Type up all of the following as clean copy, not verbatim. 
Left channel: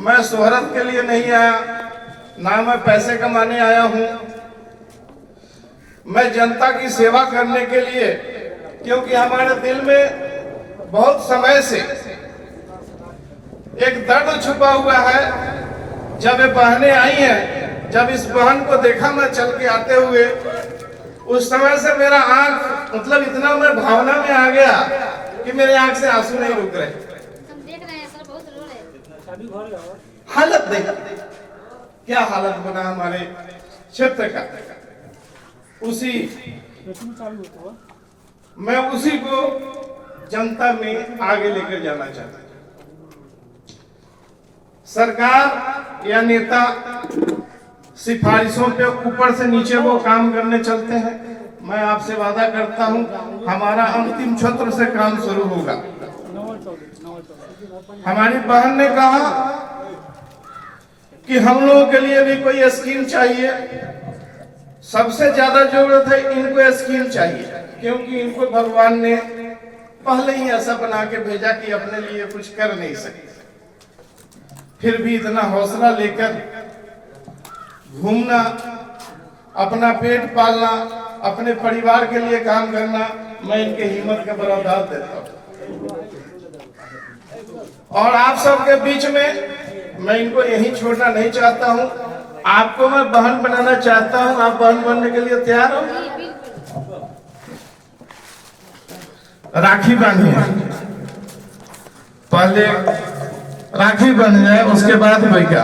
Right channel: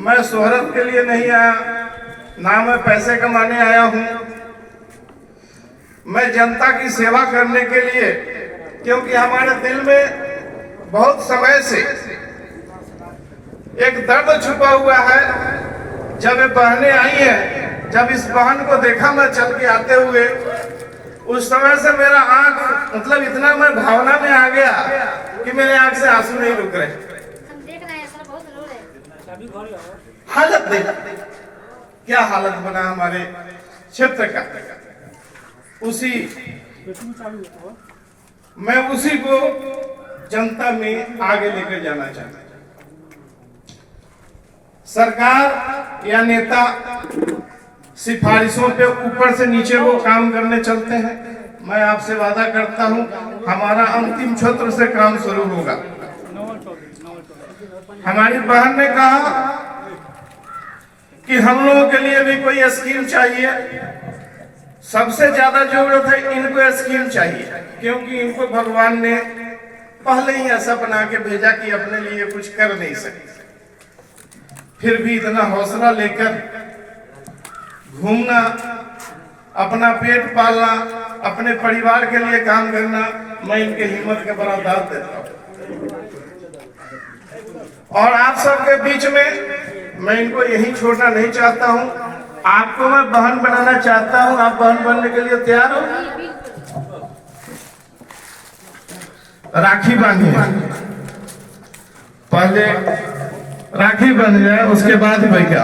मैं शोहरत के लिए नहीं आया, ना मैं पैसे कमाने आया हूं। मैं जनता की सेवा करने के लिए, क्योंकि हमारे दिल में बहुत समय से एक दर्द छुपा हुआ है। जब ये बहनें आई हैं, जब इस बहन को देखा मैं चल के आते हुए, उस समय से मेरा आंख मतलब इतना मैं भावना में आ गया कि मेरे आंख से आंसू नहीं रुक रहे। हम देख रहे हैं सर, बहुत रो रहे हैं। हालत देख, क्या हालत बना हमारे क्षेत्र का। उसी मैं उसी को जनता में आगे लेकर जाना चाहता हूं। सरकार या नेता सिफारिशों पे ऊपर से नीचे वो काम करने चलते हैं। मैं आपसे वादा करता हूं, हमारा अंतिम क्षेत्र से काम शुरू होगा। हमारी बहन ने कहा कि हम लोगों के लिए भी कोई स्कीम चाहिए। सबसे ज्यादा जरूरत है इनको स्कीम चाहिए, क्योंकि इनको भगवान ने पहले ही ऐसा बना के भेजा कि अपने लिए कुछ कर नहीं सकते। फिर भी इतना हौसला लेकर घूमना, अपना पेट पालना, अपने परिवार के लिए काम करना, मैं इनके हिम्मत का बड़ा दाद देता हूं। और आप सबके बीच में मैं इनको यही छोड़ना नहीं चाहता हूं। आपको मैं बहन बनाना चाहता हूं। आप बहन बनने के लिए तैयार हो? राखी बांधिए, पहले राखी बन जाए, उसके बाद भाई क्या।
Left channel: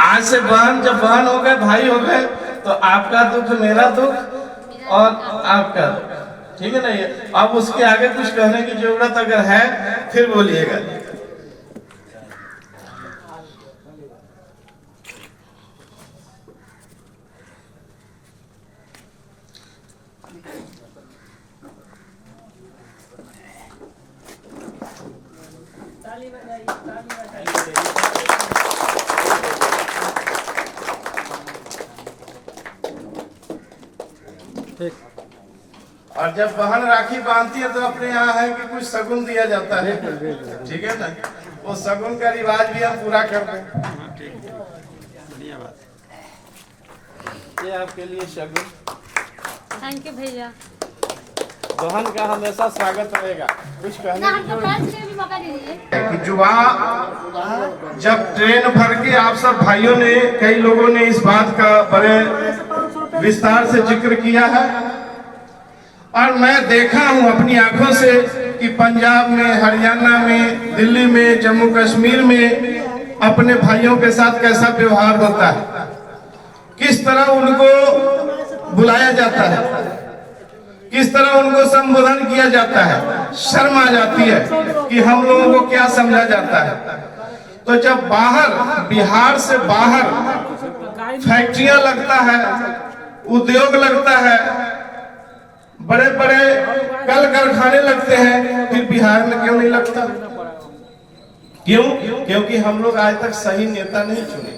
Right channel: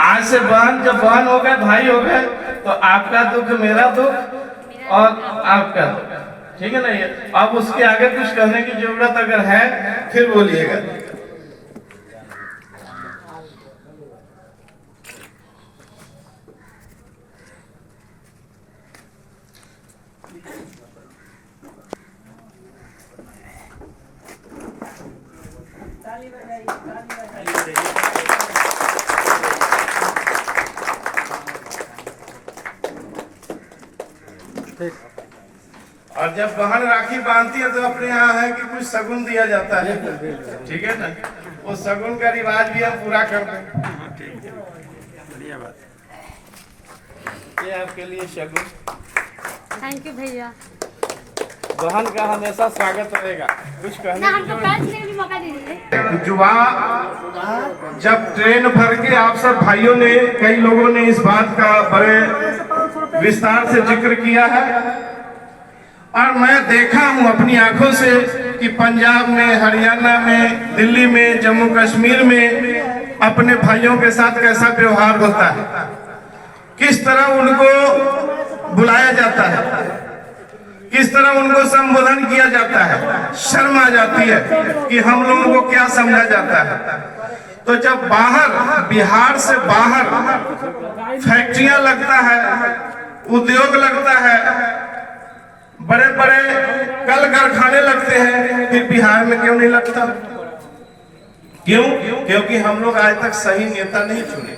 आज से बहन, जब बहन हो गए, भाई हो गए, तो आपका दुख मेरा दुख और आपका दुख, ठीक है ना। ये अब उसके आगे कुछ कहने की जरूरत अगर है फिर बोलिएगा। और जब बहन राखी बांधती है तो अपने यहाँ है कि कुछ शगुन दिया जाता है, ठीक है ना। वो शगुन का रिवाज भी हम पूरा कर दें। ये आपके लिए शगुन। थैंक यू भैया। बहन का हमेशा स्वागत रहेगा। कुछ कहने की हमको पैर छूने का भी मौका दीजिए। जुआ जब ट्रेन भर के आप सब भाइयों ने, कई लोगों ने इस बात का बड़े विस्तार से जिक्र किया है, और मैं देखा हूं अपनी आंखों से कि पंजाब में, हरियाणा में, दिल्ली में, जम्मू कश्मीर में अपने भाइयों के साथ कैसा व्यवहार होता है, किस तरह उनको बुलाया जाता है, किस तरह उनको संबोधन किया जाता है। शर्म आ जाती है कि हम लोगों को क्या समझा जाता है। तो जब बाहर, बिहार से बाहर फैक्ट्रियां लगता है, उद्योग लगता है, बड़े बड़े कल कारखाने लगते हैं, फिर बिहार में क्यों नहीं लगता? क्यों? क्योंकि हम लोग आज तक सही नेता नहीं चुने।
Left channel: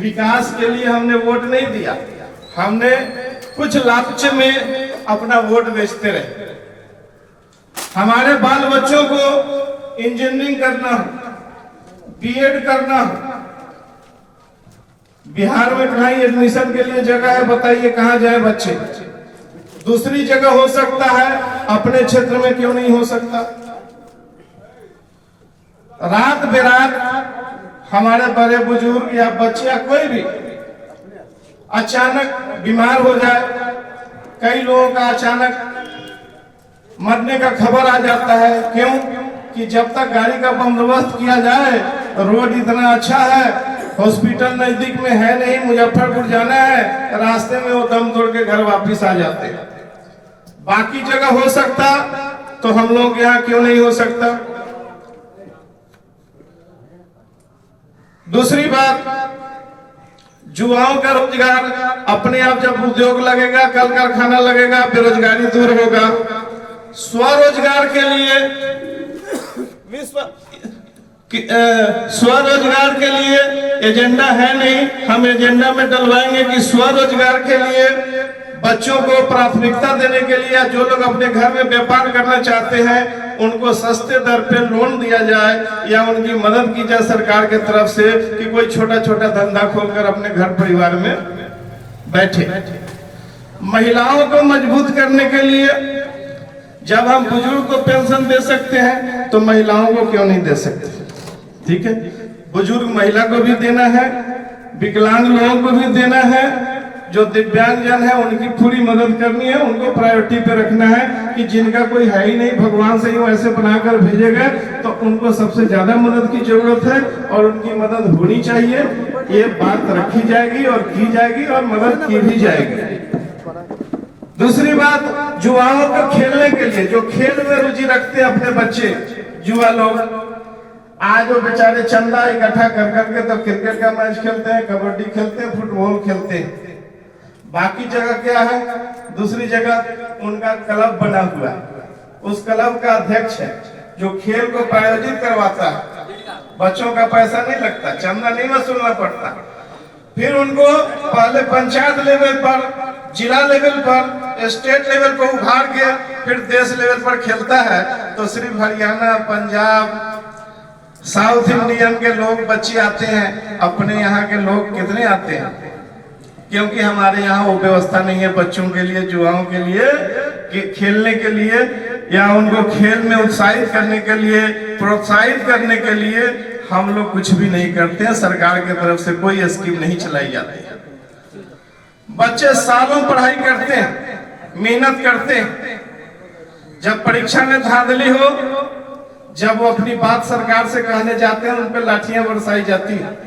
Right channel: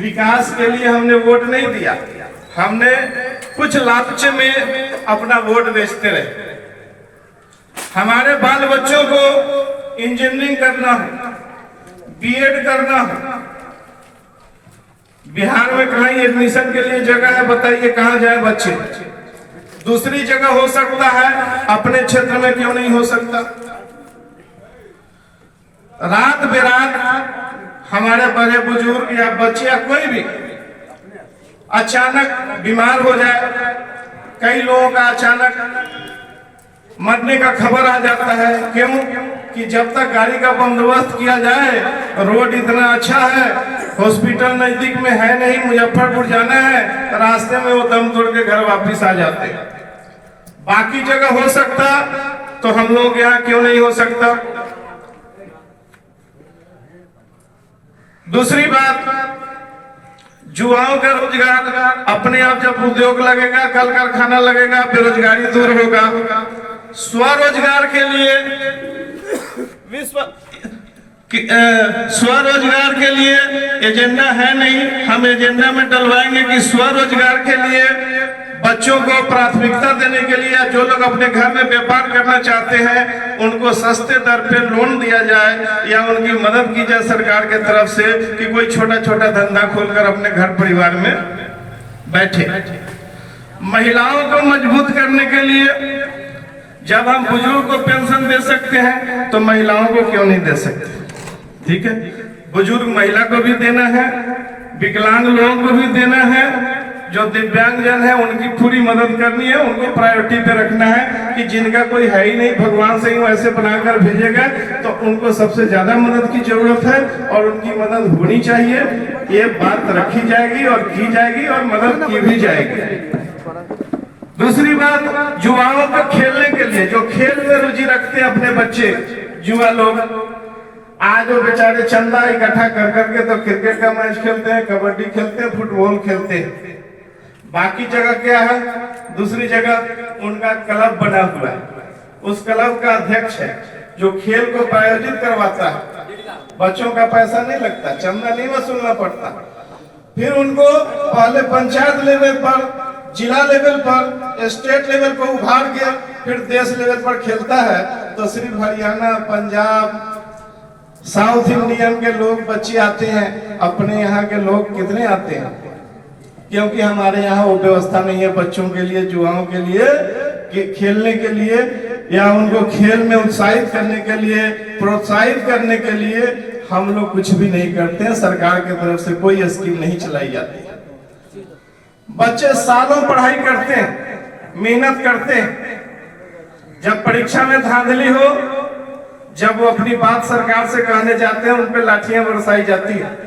विकास के लिए हमने वोट नहीं दिया, हमने कुछ लालच में अपना वोट बेचते रहे। हमारे बाल बच्चों को इंजीनियरिंग करना हो, बीएड करना हो, बिहार में कहीं एडमिशन के लिए जगह है, बताइए कहां जाए बच्चे? दूसरी जगह हो सकता है, अपने क्षेत्र में क्यों नहीं हो सकता? रात बेरात हमारे बड़े बुजुर्ग या बच्चे या कोई भी अचानक बीमार हो जाए। कई लोगों का अचानक मरने का खबर आ जाता है। क्यों? कि जब तक गाड़ी का बंदोबस्त किया जाए, रोड इतना अच्छा है, हॉस्पिटल नजदीक में है नहीं, मुजफ्फरपुर जाना है, रास्ते में वो दम तोड़ के घर वापस आ जाते हैं। बाकी जगह हो सकता तो हम लोग यहाँ क्यों नहीं हो सकता? दूसरी बात, युवाओं का रोजगार, अपने आप जब उद्योग लगेगा, कल कारखाना लगेगा, बेरोजगारी दूर होगा। स्वरोजगार के लिए स्वरोजगार के लिए एजेंडा है नहीं, हम एजेंडा में डलवाएंगे कि स्वरोजगार के लिए बच्चों को प्राथमिकता देने के लिए जो लोग अपने घर में व्यापार करना चाहते हैं उनको सस्ते दर पे लोन दिया जाए या उनकी मदद की जाए सरकार के तरफ से कि कोई छोटा छोटा धंधा खोलकर अपने घर परिवार में बैठे। महिलाओं को मजबूत करने के लिए जब हम बुजुर्ग को पेंशन दे सकते हैं तो महिलाओं को क्यों नहीं दे सकते? ठीक है, बुजुर्ग महिला को भी देना है, विकलांग लोगों को भी देना है, जो दिव्यांग जन है उनकी पूरी मदद करनी है, उनको प्रायोरिटी पे रखना है कि जिनका कोई है ही नहीं, भगवान से ही वैसे बनाकर भेजेगा तो उनको सबसे ज्यादा मदद की जरूरत है और उनकी मदद होनी चाहिए। ये बात रखी जाएगी और की जाएगी और मदद की भी जाएगी। दूसरी बात, युवाओं को खेलने के लिए जो खेल में रुचि रखते हैं अपने बच्चे युवा लोग, आज वो बेचारे चंदा इकट्ठा कर करके तो क्रिकेट का मैच खेलते हैं, कबड्डी खेलते हैं, फुटबॉल खेलते हैं। बाकी जगह क्या है, दूसरी जगह उनका क्लब बना हुआ है, उस क्लब का अध्यक्ष है जो खेल को प्रायोजित करवाता है। बच्चों का पैसा नहीं लगता, चंदा नहीं वसूलना पड़ता। फिर उनको पहले पंचायत लेवल पर, जिला लेवल पर, स्टेट लेवल पर उभार के फिर देश लेवल पर खेलता है। तो सिर्फ हरियाणा, पंजाब, साउथ इंडियन के लोग बच्चे आते हैं, अपने यहाँ के लोग कितने आते हैं? क्योंकि हमारे यहाँ वो व्यवस्था नहीं है बच्चों के लिए, युवाओं के लिए कि खेलने के लिए या उनको खेल में उत्साहित करने के लिए, प्रोत्साहित करने के लिए हम लोग कुछ भी नहीं करते हैं। सरकार की तरफ से कोई स्कीम नहीं चलाई जाती है। बच्चे सालों पढ़ाई करते हैं, मेहनत करते हैं, जब परीक्षा में धांधली हो, जब वो अपनी बात सरकार से कहने जाते हैं उन पे लाठियां बरसाई जाती है।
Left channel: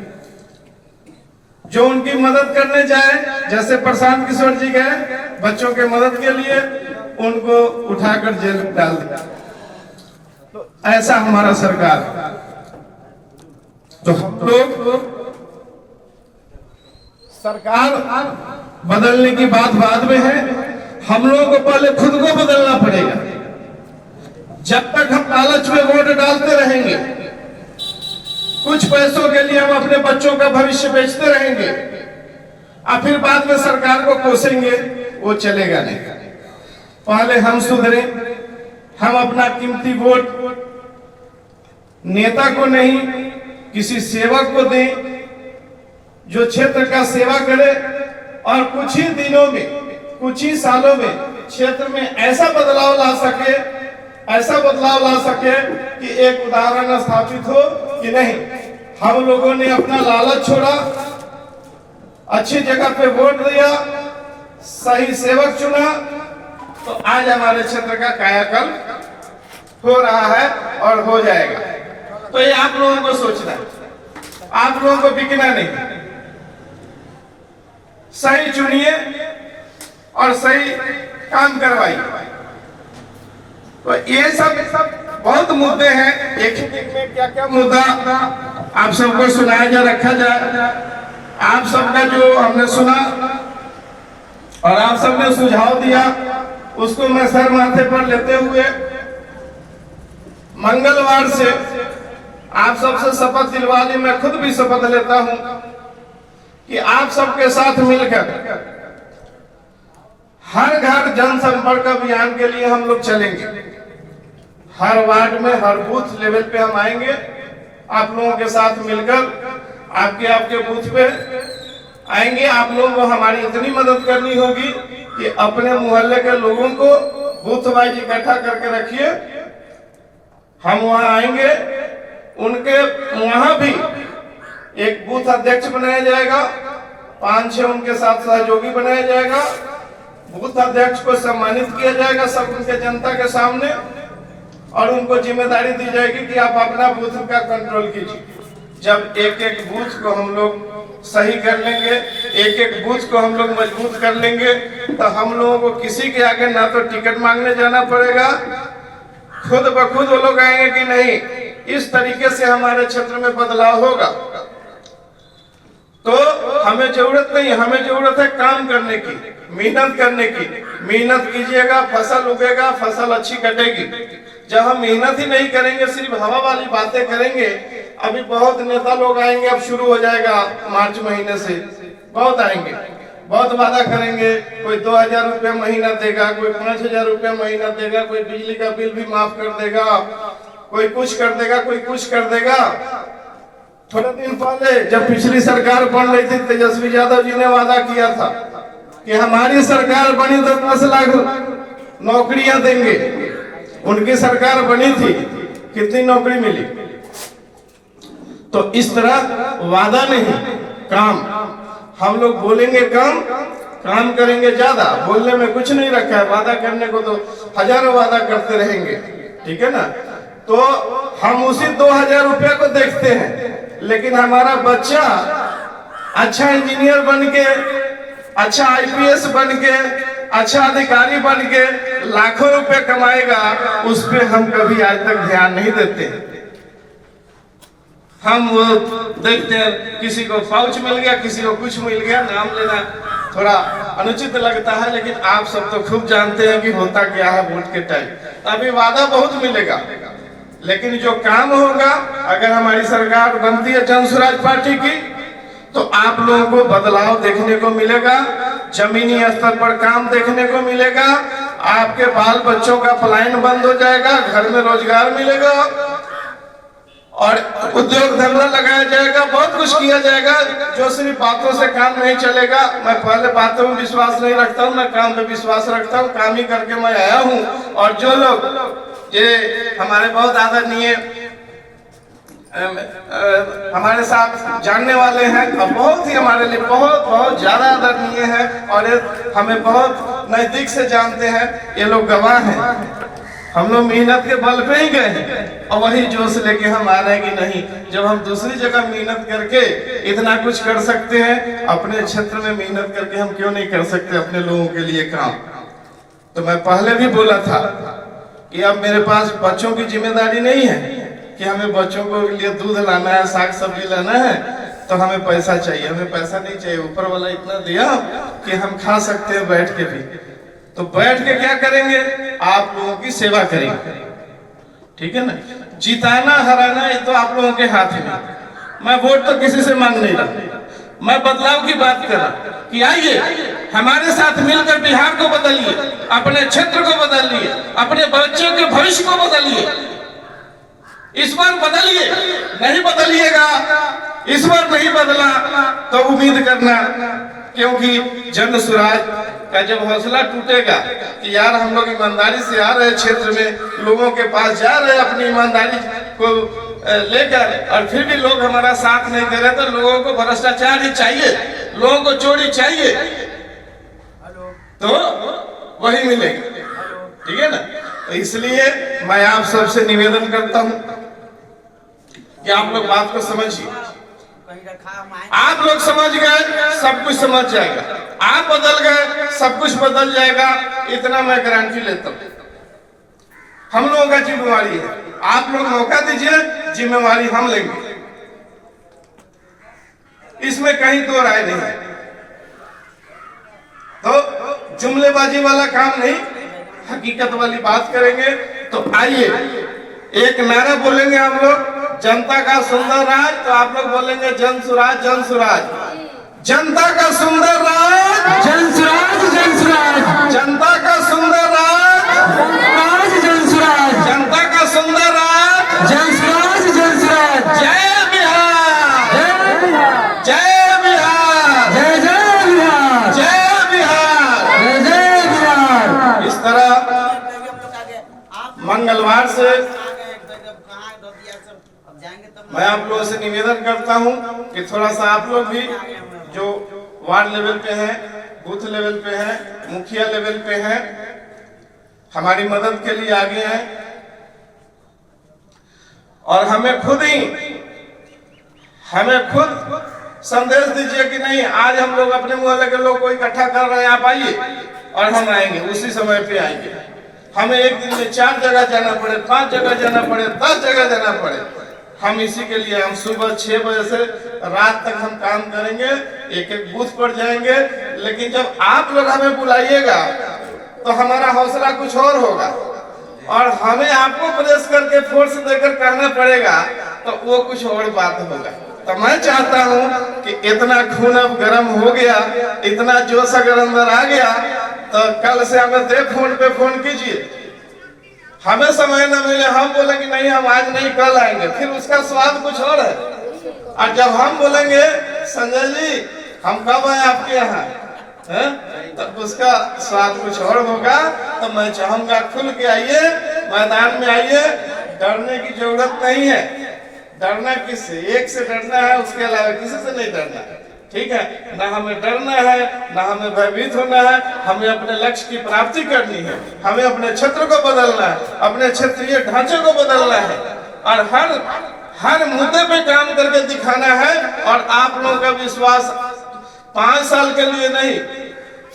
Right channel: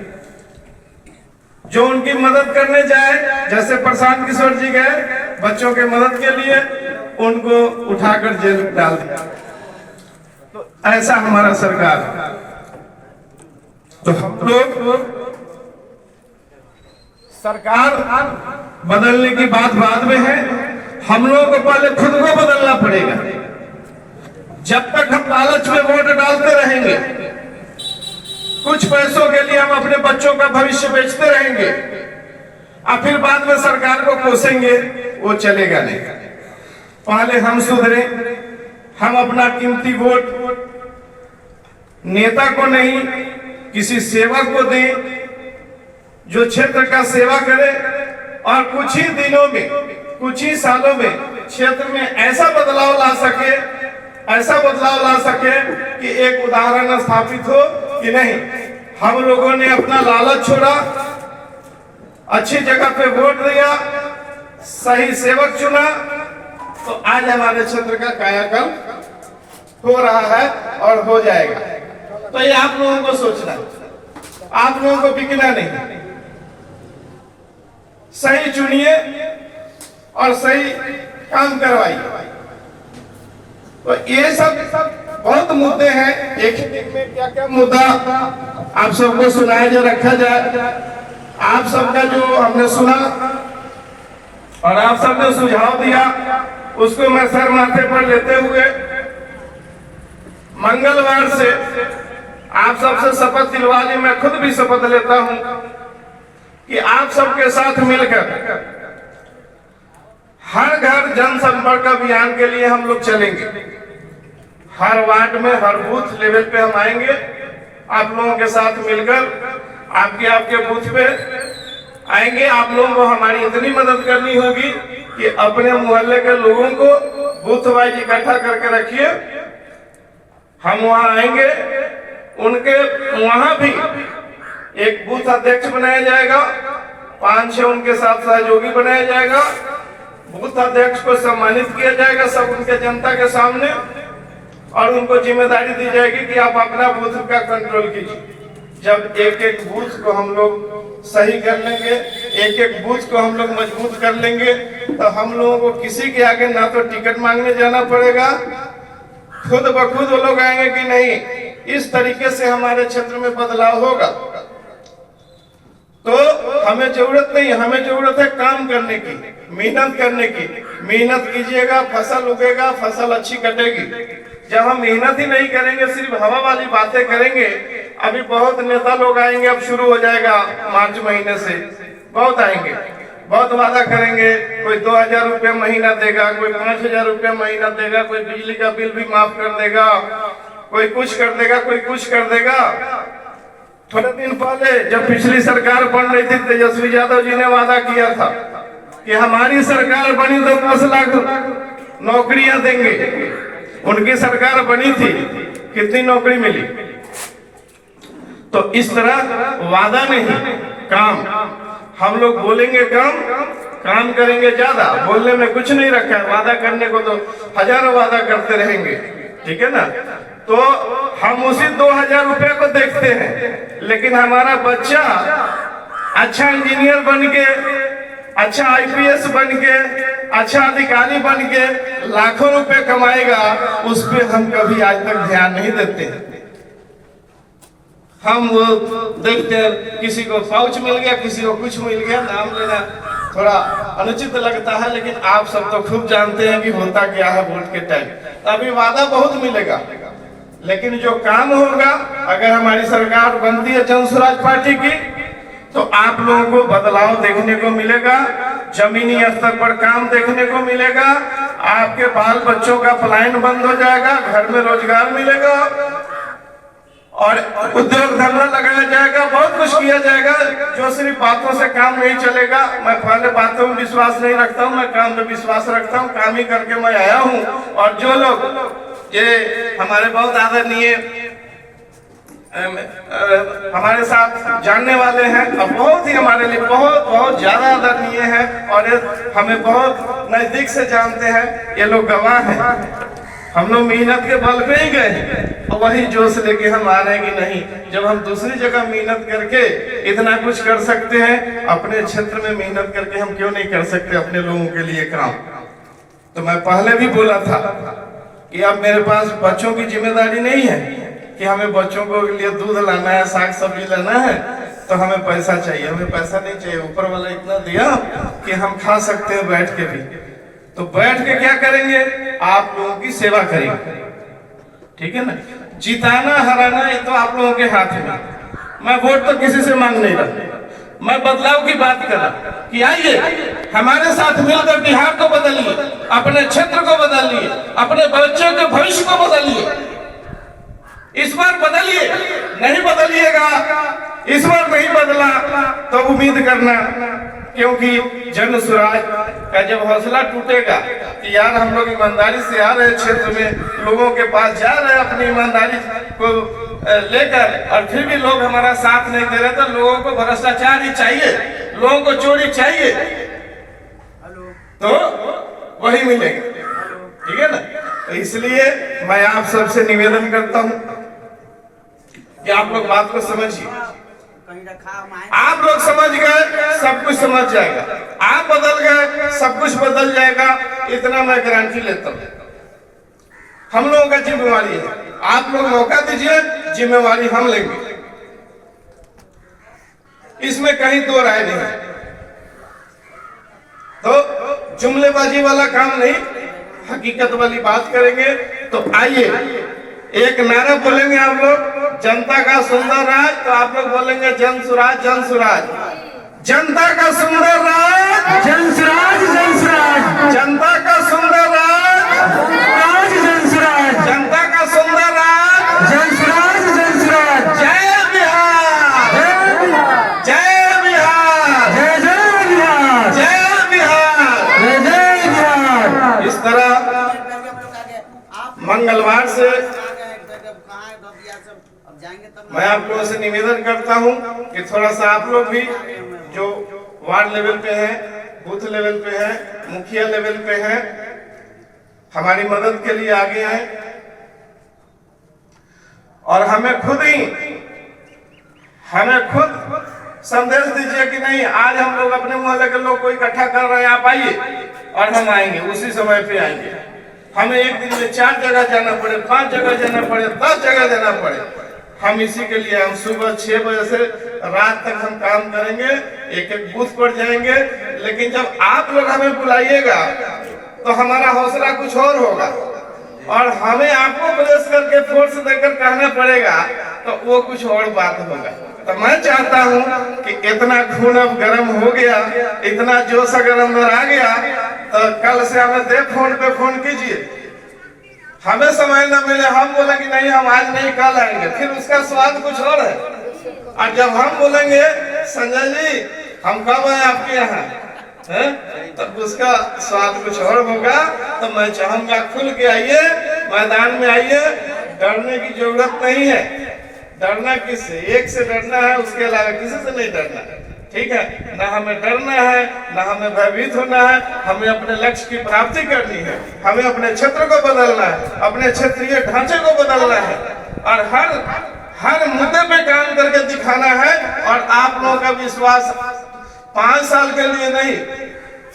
जो उनकी मदद करने जाए, जैसे प्रशांत किशोर जी गए बच्चों के मदद के लिए, उनको उठाकर जेल डाल दिया। तो ऐसा हमारा सरकार। तो हम लोग सरकार बदलने की बात बाद में है, हम लोगों को पहले खुद को बदलना पड़ेगा। जब तक हम लालच में वोट डालते रहेंगे, कुछ पैसों के लिए हम अपने बच्चों का भविष्य बेचते रहेंगे और फिर बाद में सरकार को कोसेंगे, वो चलेगा नहीं। पहले हम सुधरे, हम अपना कीमती वोट नेता को नहीं किसी सेवक को दें जो क्षेत्र का सेवा करे और कुछ ही दिनों में, कुछ ही सालों में क्षेत्र में ऐसा बदलाव ला सके, ऐसा बदलाव ला सके कि एक उदाहरण स्थापित हो कि नहीं, हम लोगों ने अपना लालच छोड़ा, अच्छी जगह पे वोट दिया, सही सेवक चुना, तो आज हमारे क्षेत्र का कायाकल्प हो रहा है और हो जाएगा। तो ये आप लोगों को सोचना है, आप लोगों को बिकना नहीं। सही चुनिए और सही काम करवाइए। तो ये सब बहुत मुद्दे हैं, एक ही दिन में क्या क्या मुद्दा आप सबको सुनाया जा, रखा जाए। आप सबका जो हमने सुना और आप सबने सुझाव दिया, उसको मैं सर माथे पर लेते हुए मंगलवार से आप सबसे शपथ दिलवा ली, मैं खुद भी शपथ लेता हूं कि आप सबके साथ मिलकर हर घर जनसंपर्क अभियान के लिए हम लोग चलेंगे। हर वार्ड में, हर बूथ लेवल पे हम आएंगे, आप लोगों के साथ मिलकर आपके बूथ पे आएंगे। आप लोगों को हमारी इतनी मदद करनी होगी कि अपने मोहल्ले के लोगों को बूथ वाइज इकट्ठा करके रखिए। हम वहां आएंगे, उनके वहां भी एक बूथ अध्यक्ष बनाया जाएगा, 5-6 उनके साथ सहयोगी बनाया जाएगा। बूथ अध्यक्ष को सम्मानित किया जाएगा सब उनके जनता के सामने और उनको जिम्मेदारी दी जाएगी कि आप अपना बूथ का कंट्रोल कीजिए। जब एक एक बूथ को हम लोग सही कर लेंगे, एक एक बूथ को हम लोग मजबूत कर लेंगे, तो हम लोगों को किसी के आगे ना तो टिकट मांगने जाना पड़ेगा, खुद ब खुद वो लोग आएंगे कि नहीं, इस तरीके से हमारे क्षेत्र में बदलाव होगा। तो हमें जरूरत नहीं, हमें जरूरत है काम करने की, मेहनत करने की। मेहनत कीजिएगा, फसल उगेगा, फसल अच्छी कटेगी। जब हम मेहनत ही नहीं करेंगे, सिर्फ हवा वाली बातें करेंगे, अभी बहुत नेता लोग आएंगे, अब शुरू हो जाएगा मार्च महीने से, बहुत आएंगे, बहुत वादा करेंगे, कोई 2000 रुपया महीना देगा, कोई 5000 रुपया महीना देगा, कोई बिजली का बिल भी माफ कर देगा, कोई कुछ कर देगा, कोई कुछ कर देगा। थोड़े दिन पहले जब पिछली सरकार बन रही थी, तेजस्वी यादव जी ने वादा किया था कि हमारी सरकार बनी तो 10 लाख नौकरियां देंगे। उनकी सरकार बनी थी, कितनी नौकरी मिली? तो इस तरह वादा नहीं, काम। हम लोग बोलेंगे कम, काम करेंगे ज्यादा। बोलने में कुछ नहीं रखा है, वादा करने को तो हजारों वादा करते रहेंगे, ठीक है ना। तो हम उसी 2000 रुपया को देखते हैं, लेकिन हमारा बच्चा अच्छा इंजीनियर बन के, अच्छा IPS बन के, अच्छा अधिकारी बन के लाखों रुपए कमाएगा, उस पे हम कभी आज तक ध्यान नहीं देते। हम वो देखते हैं किसी को पाउच मिल गया, किसी को कुछ मिल गया, नाम लेना थोड़ा अनुचित लगता है, लेकिन आप सब तो खूब जानते हैं कि होता क्या है वोट के टाइम। अभी वादा बहुत मिलेगा, लेकिन जो काम होगा, अगर हमारी सरकार बनती है जनसुराज पार्टी की, तो आप लोगों को बदलाव देखने को मिलेगा, जमीनी स्तर पर काम देखने को मिलेगा, आपके बाल बच्चों का पलायन बंद हो जाएगा, घर में रोजगार मिलेगा और उद्योग धंधा लगाया जाएगा, बहुत कुछ किया जाएगा। जो सिर्फ बातों से काम नहीं चलेगा। मैं पहले बातों में विश्वास नहीं रखता हूँ, मैं काम पे विश्वास रखता हूँ, काम ही करके मैं आया हूँ। और जो लोग ये हमारे बहुत आदरणीय हमारे साथ जानने वाले हैं और बहुत ही हमारे लिए बहुत ज्यादा आदरणीय है और हमें बहुत नजदीक से जानते हैं, ये लोग गवाह हैं। हम लोग मेहनत के बल पे ही गए और वही जोश लेके हम आ रहे हैं कि नहीं, जब हम दूसरी जगह मेहनत करके इतना कुछ कर सकते हैं, अपने क्षेत्र में मेहनत करके हम क्यों नहीं कर सकते अपने लोगों के लिए काम। तो मैं पहले भी बोला था कि अब मेरे पास बच्चों की जिम्मेदारी नहीं है कि हमें बच्चों को लिए दूध लाना है, साग सब्जी लाना है, तो हमें पैसा चाहिए। हमें पैसा नहीं चाहिए, ऊपर वाला इतना दिया कि हम खा सकते हैं बैठ के भी। तो बैठ के क्या करेंगे? आप लोगों की सेवा करेंगे, ठीक है ना। जिताना हराना ये तो आप लोगों के हाथ में। मैं वोट तो किसी से मांग नहीं रहा, मैं बदलाव की बात कर रहा कि आइए हमारे साथ मिलकर बिहार को बदलिए, अपने क्षेत्र को बदलिए, अपने बच्चों के भविष्य को बदलिए। इस बार बदलिए, नहीं बदलिएगा, इस बार नहीं बदला तो उम्मीद करना, क्योंकि जन स्वराज का जब हौसला टूटेगा कि यार हम लोग ईमानदारी से आ रहे क्षेत्र में, लोगों के पास जा रहे अपनी ईमानदारी को लेकर, और फिर भी लोग हमारा साथ नहीं दे रहे, तो लोगों को भ्रष्टाचार ही चाहिए, लोगों को चोरी चाहिए, तो वही मिलेगा, ठीक है ना। तो इसलिए मैं आप सबसे निवेदन करता हूं कि आप लोग बात को समझिए। आप लोग समझ गए, सब कुछ समझ जाएगा। आप बदल गए, सब कुछ बदल जाएगा, इतना मैं गारंटी लेता हूँ। हम लोगों का जिम्मेवारी है, आप लोग मौका दीजिए, जिम्मेवारी हम लेंगे, इसमें कहीं दो राय नहीं है। तो जुमलेबाजी वाला काम नहीं, हकीकत वाली बात करेंगे। तो आइए एक नारा बोलेंगे हम लोग, जनता का सुंदर राज, तो आप लोग बोलेंगे जन सुराज, जन सुराज। जनता का सुंदर राज, जन सुराज, जन सुराज। जनता का सुंदर राज, जन सुराज। जनता का सुंदर राज, जन सुराज, जन सुराज। जय बिहार, जय बिहार, जय जय बिहार, जय बिहार, जय जय बिहार। इस तरह मंगलवार से मैं आप लोगों से निवेदन करता हूं कि थोड़ा सा आप लोग भी जो वार्ड लेवल पे हैं, बूथ लेवल पे हैं, मुखिया लेवल पे हैं, हमारी मदद के लिए आगे आए और हमें खुद संदेश दीजिए कि नहीं, आज हम लोग अपने मोहल्ले के लोग को इकट्ठा कर रहे हैं, आप आइए, और हम आएंगे, उसी समय पे आएंगे। हमें एक दिन में 4 जगह जाना पड़े, 5 जगह जाना पड़े, 10 जगह जाना पड़े, हम इसी के लिए हम सुबह 6 बजे से रात तक हम काम करेंगे, एक एक बूथ पर जाएंगे। लेकिन जब आप लोग हमें बुलाइएगा तो हमारा हौसला कुछ और होगा, और हमें आपको प्रेस करके फोर्स देकर कहना पड़ेगा, तो वो कुछ और बात होगा। तो मैं चाहता हूं कि इतना खून अब गर्म हो गया, इतना जोश अगर अंदर आ गया, तो कल से हमें फोन पे फोन कीजिए। हमें समय न मिले, हम बोले कि नहीं हम आज नहीं कल आएंगे, फिर उसका स्वाद कुछ और है। और जब हम बोलेंगे संजय जी हम कब आए आपके यहाँ, तब उसका स्वाद कुछ और होगा। तो मैं चाहूंगा खुल के आइए, मैदान में आइए, डरने की जरूरत नहीं है। डरना किससे? एक से डरना है, उसके अलावा किसी से नहीं डरना है। ठीक है, ना हमें डरना है, ना हमें भयभीत होना है। हमें अपने लक्ष्य की प्राप्ति करनी है, हमें अपने क्षेत्र को बदलना है, अपने क्षेत्रीय ढांचे को बदलना है, और हर मुद्दे पे काम करके दिखाना है। और आप लोगों का विश्वास 5 साल के लिए नहीं,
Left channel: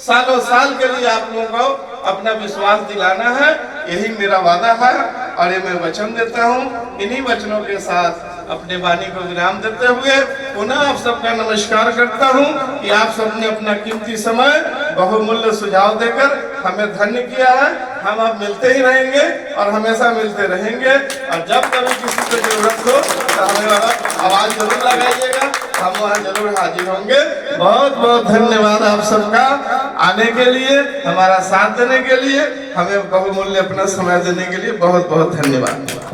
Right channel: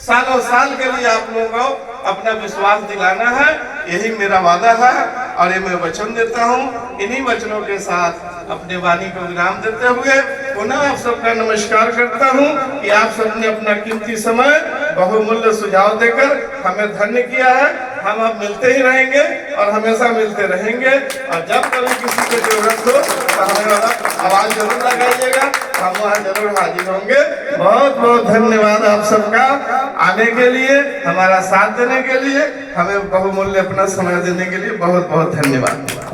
सालों साल के लिए आप लोगों को अपना विश्वास दिलाना है। यही मेरा वादा है, और ये मैं वचन देता हूँ। इन्हीं वचनों के साथ अपने वाणी को विराम देते हुए पुनः आप सबका नमस्कार करता हूँ कि आप सबने अपना कीमती समय बहुमूल्य सुझाव देकर हमें धन्य किया है। हम अब मिलते ही रहेंगे और हमेशा मिलते रहेंगे, और जब कभी किसी को जरूरत हो तो हमें आवाज जरूर लगाइएगा, हम वहाँ जरूर हाजिर होंगे। बहुत बहुत धन्यवाद आप सबका आने के लिए, हमारा साथ देने के लिए, हमें बहुमूल्य अपना समय देने के लिए बहुत बहुत धन्यवाद।